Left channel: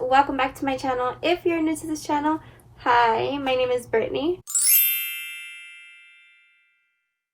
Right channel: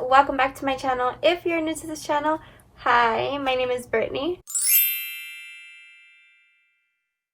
welcome back to my channel. If you're new to this channel, hi, my name is Brittany.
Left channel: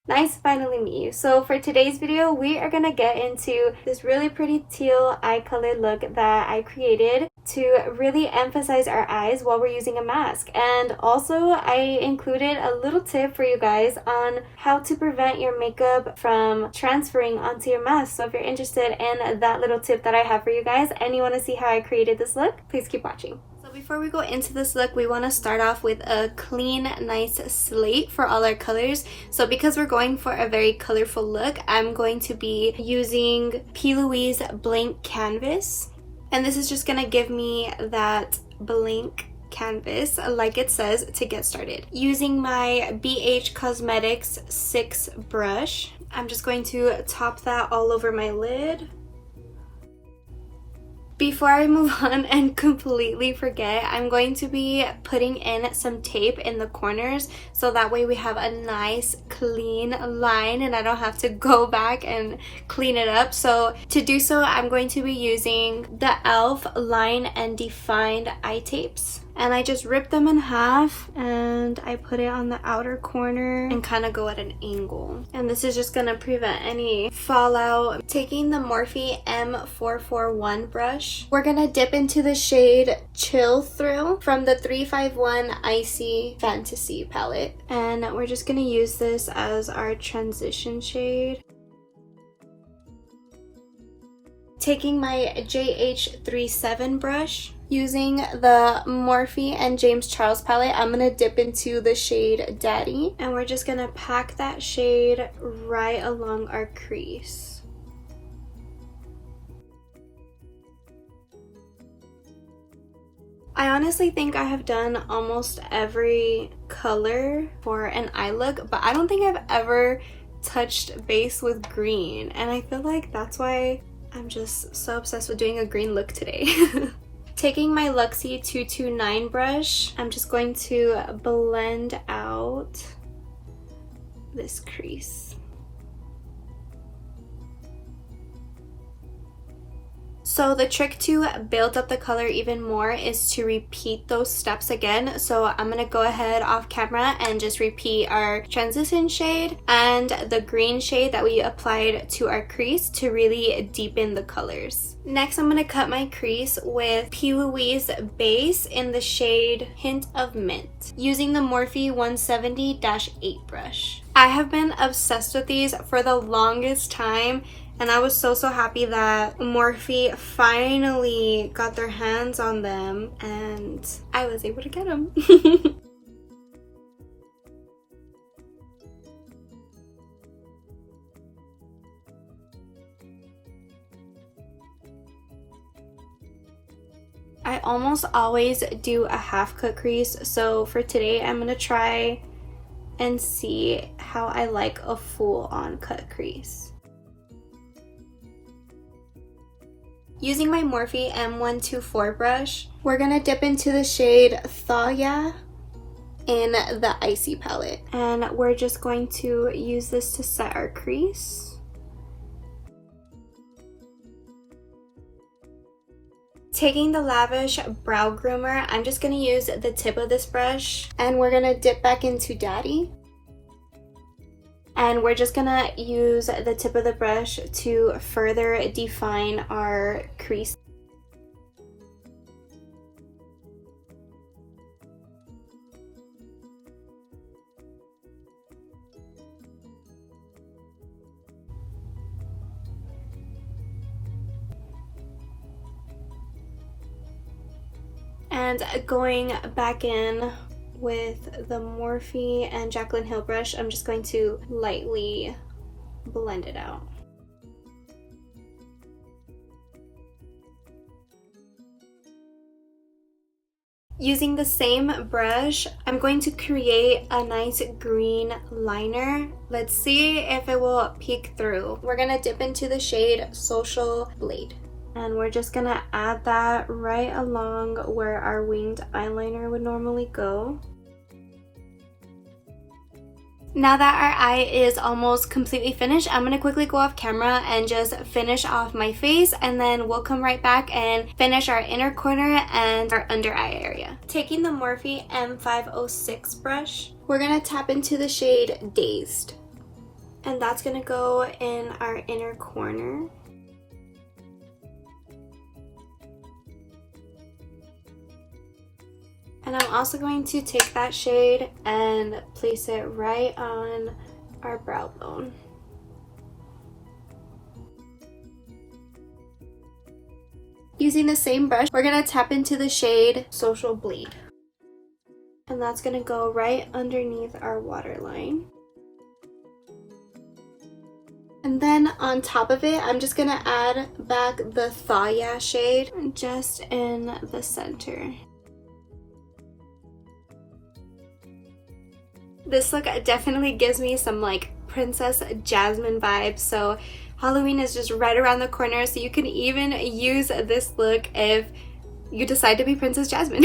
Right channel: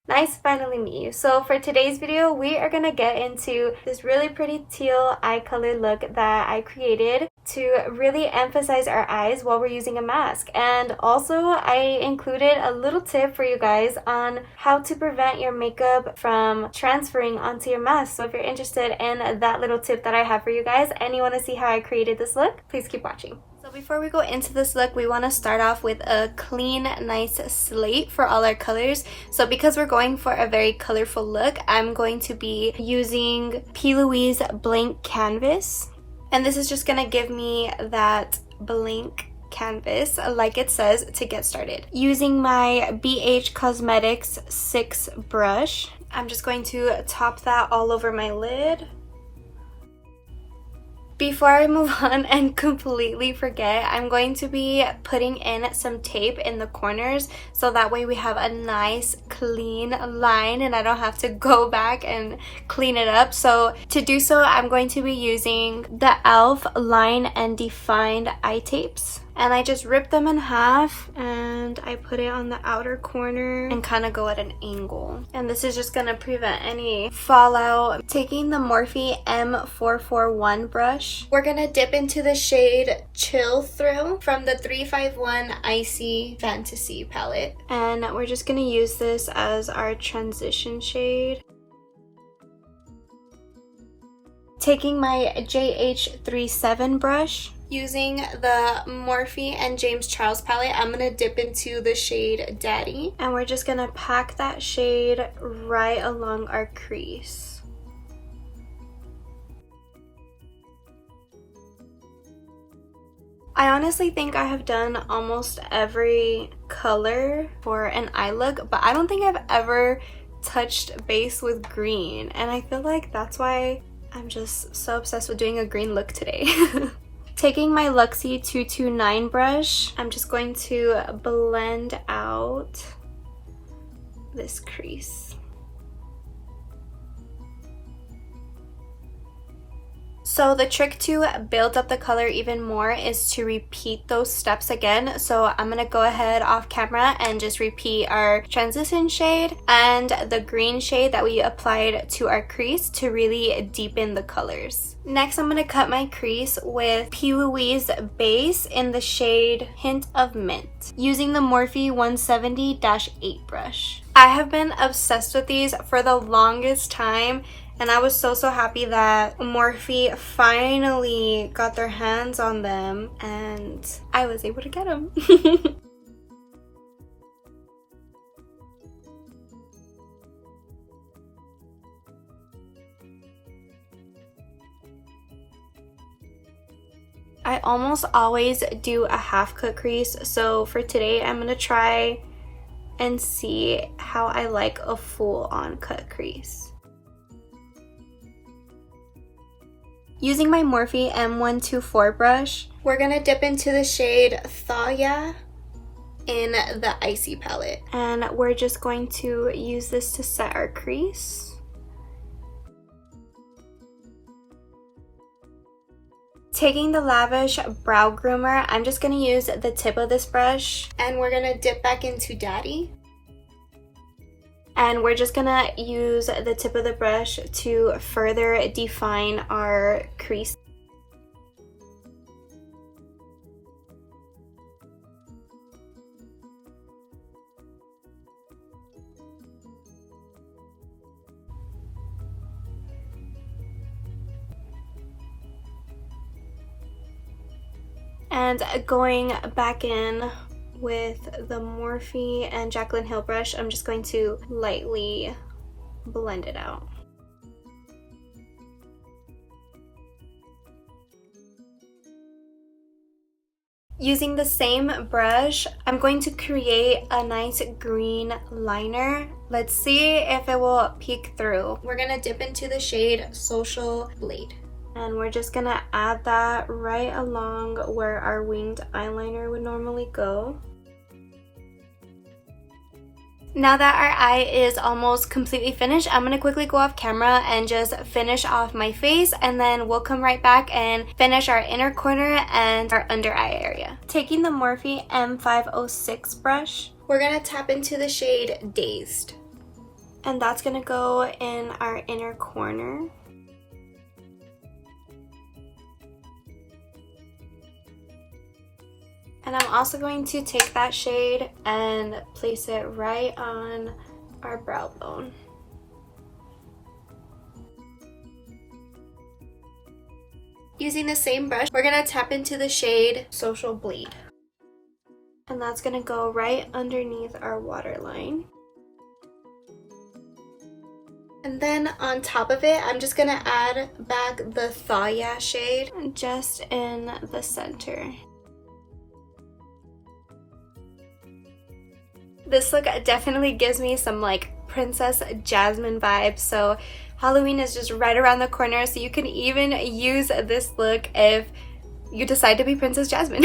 Nice to finally meet you. So for today's video, we are gonna get into this really pretty teal eye color look that I created to really emphasize our eyes while we're using a mask. And also I included a little tip for you guys on how to prevent your makeup from transferring onto your mask. So if you're interested in that little tip that I have for you guys and you want to see how I created this look, please keep watching. So before we go into this look, we want to start off with a clean, nice slate for all our colors. So because we're going for a very colorful look, I'm going to be using P.LOUISE blank canvas. And this is just going to give me that blank canvas, like it says, to get started. Using my BH Cosmetics 6 brush, I'm just going to top that all over my lid. Before I move on and completely forget, I'm going to be putting in some tape in the corners so that way we have a nice clean line and I don't have to go back and clean it up. So to do so, I'm going to be using the E.L.F. Line and Defined eye tapes. And I just rip them in half and I put it on the outer corner and kind of go at an angle. And this is just going to prevent any fallout. Taking the Morphe M441 brush, we're going to dip into the shade Chill Thrill from the 351 Icy Fantasy palette. And we're just going to use this as our transition shade. Taking my JH37 brush, using the Morphe and James Charles palette, I'm going to dip into the shade Daddy. And we're just going to pack that shade right along our crease. I honestly think I have done almost every color for an eye look, but I don't think I've ever touched base with green. And I feel like that's why I'm just so obsessed with doing a green look today. Taking my LUXIE 229 brush, I'm just going to blend out this crease. So the trick to build up the color even more is to repeat those steps again. So I'm gonna go ahead off camera and just repeat our transition shade and the green shade that we applied to our crease to really deepen the colors. Next, I'm gonna cut my crease with P.LOUISE base in the shade Hint of Mint, using the Morphe 170-8 brush. I have been obsessed with these for the longest time, and I was so happy that Morphe finally got their hands on them and I was able to get them. I almost always do a half cut crease, so for today I'm gonna try and see how I like a full on cut crease. Using my Morphe M124 brush, we're gonna dip into the shade Thalia in the Icy palette. And we're just going to use this to set our crease. Taking the Lavish Brow Groomer, I'm just gonna use the tip of this brush and we're gonna dip back into Daddy. And we're just gonna use the tip of the brush to further define our crease. And going back in with the Morphe and Jaclyn Hill brush, I'm just going to lightly blend it out. Using the same brush, I'm going to create a nice green liner. Let's see if it will peek through. We're gonna dip into the shade Social Blade. And we're just gonna add that right along where our winged eyeliner would normally go. Now that our eye is almost completely finished, I'm going to quickly go off camera and just finish off my face, and then we'll come right back and finish our inner corner and our under eye area. Taking the Morphe M506 brush, we're going to tap into the shade Dazed. And that's going to go in our inner corner. And I'm also going to take that shade and place it right on our brow bone. Using the same brush, we're going to tap into the shade Social Bleed. And that's going to go right underneath our waterline. And then on top of it, I'm just going to add back the Thaw Ya shade just in the center. This look definitely gives me some like Princess Jasmine vibes, so Halloween is just right around the corner, so you can even use this look if you decide to be Princess Jasmine.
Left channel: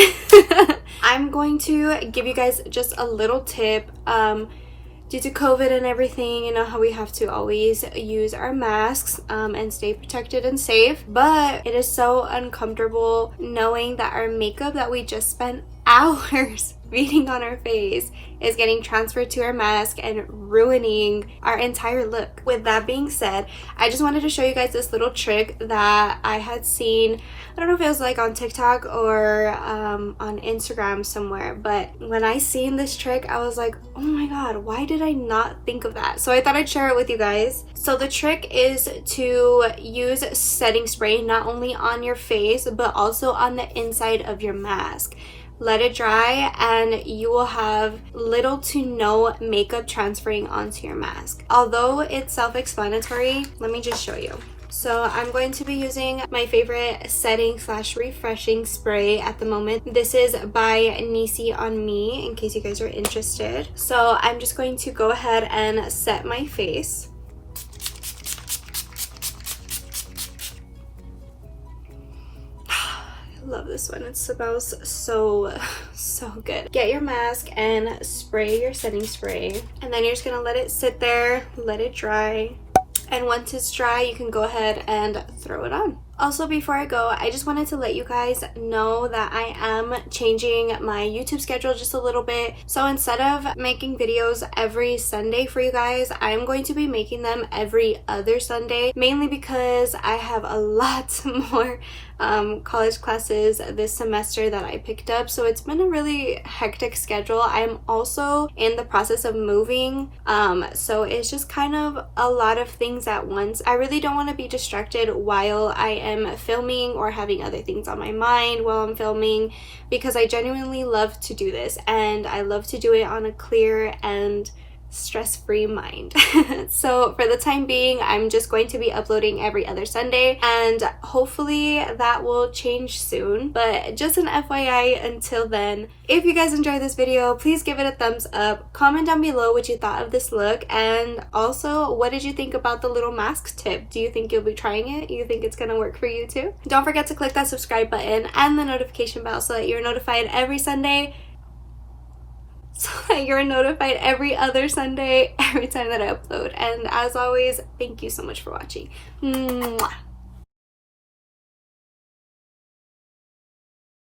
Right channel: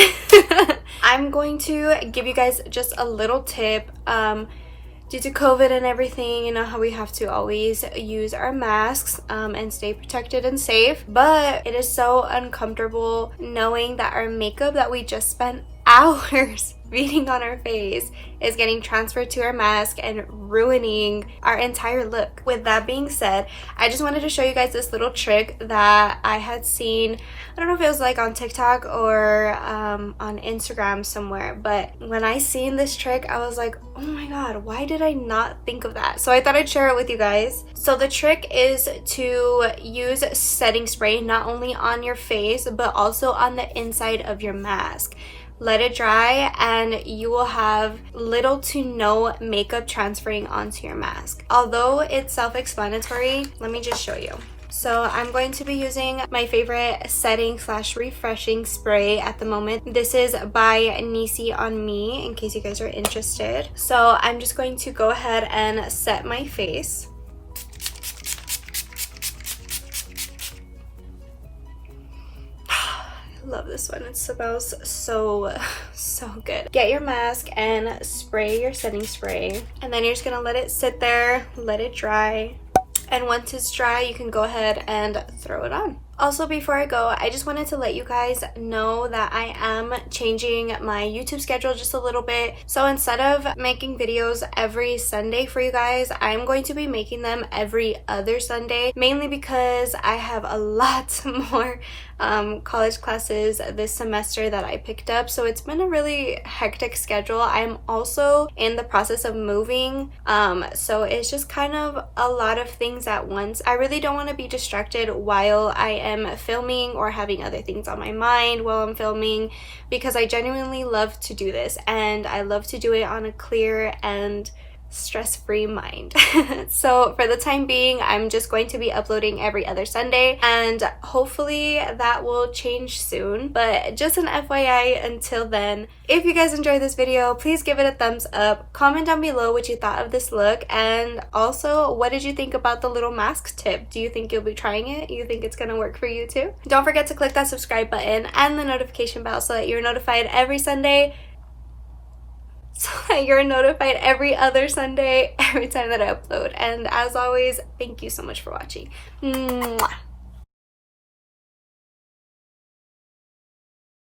I'm going to give you guys just a little tip. Due to COVID and everything, you know how we have to always use our masks and stay protected and safe, but it is so uncomfortable knowing that our makeup that we just spent hours beating on our face is getting transferred to our mask and ruining our entire look. With that being said, I just wanted to show you guys this little trick that I had seen. I don't know if it was like on TikTok or on Instagram somewhere, but when I seen this trick, I was like, oh my god, why did I not think of that? So I thought I'd share it with you guys. So the trick is to use setting spray not only on your face but also on the inside of your mask. Let it dry and you will have little to no makeup transferring onto your mask. Although it's self-explanatory, let me just show you. So I'm going to be using my favorite setting / refreshing spray at the moment. This is by NISEYONME, in case you guys are interested. So I'm just going to go ahead and set my face. Love this one. It smells so good. Get your mask and spray your setting spray, and then you're just gonna let it sit there, let it dry, and once it's dry you can go ahead and throw it on. Also, before I go, I just wanted to let you guys know that I am changing my YouTube schedule just a little bit. So instead of making videos every Sunday for you guys, I'm going to be making them every other Sunday, mainly because I have a lot more college classes this semester that I picked up, so it's been a really hectic schedule. I'm also in the process of moving, so it's just kind of a lot of things at once. I really don't want to be distracted while I am filming or having other things on my mind while I'm filming, because I genuinely love to do this and I love to do it on a clear and stress-free mind. So for the time being, I'm just going to be uploading every other Sunday, and hopefully that will change soon, but just an FYI until then. If you guys enjoyed this video, please give it a thumbs up, comment down below what you thought of this look, and also what did you think about the little mask tip? Do you think you'll be trying it? You think it's gonna work for you too? Don't forget to click that subscribe button and the notification bell so that you're notified every Sunday, so that you're notified every other Sunday, every time that I upload. And as always, thank you so much for watching. Mwah.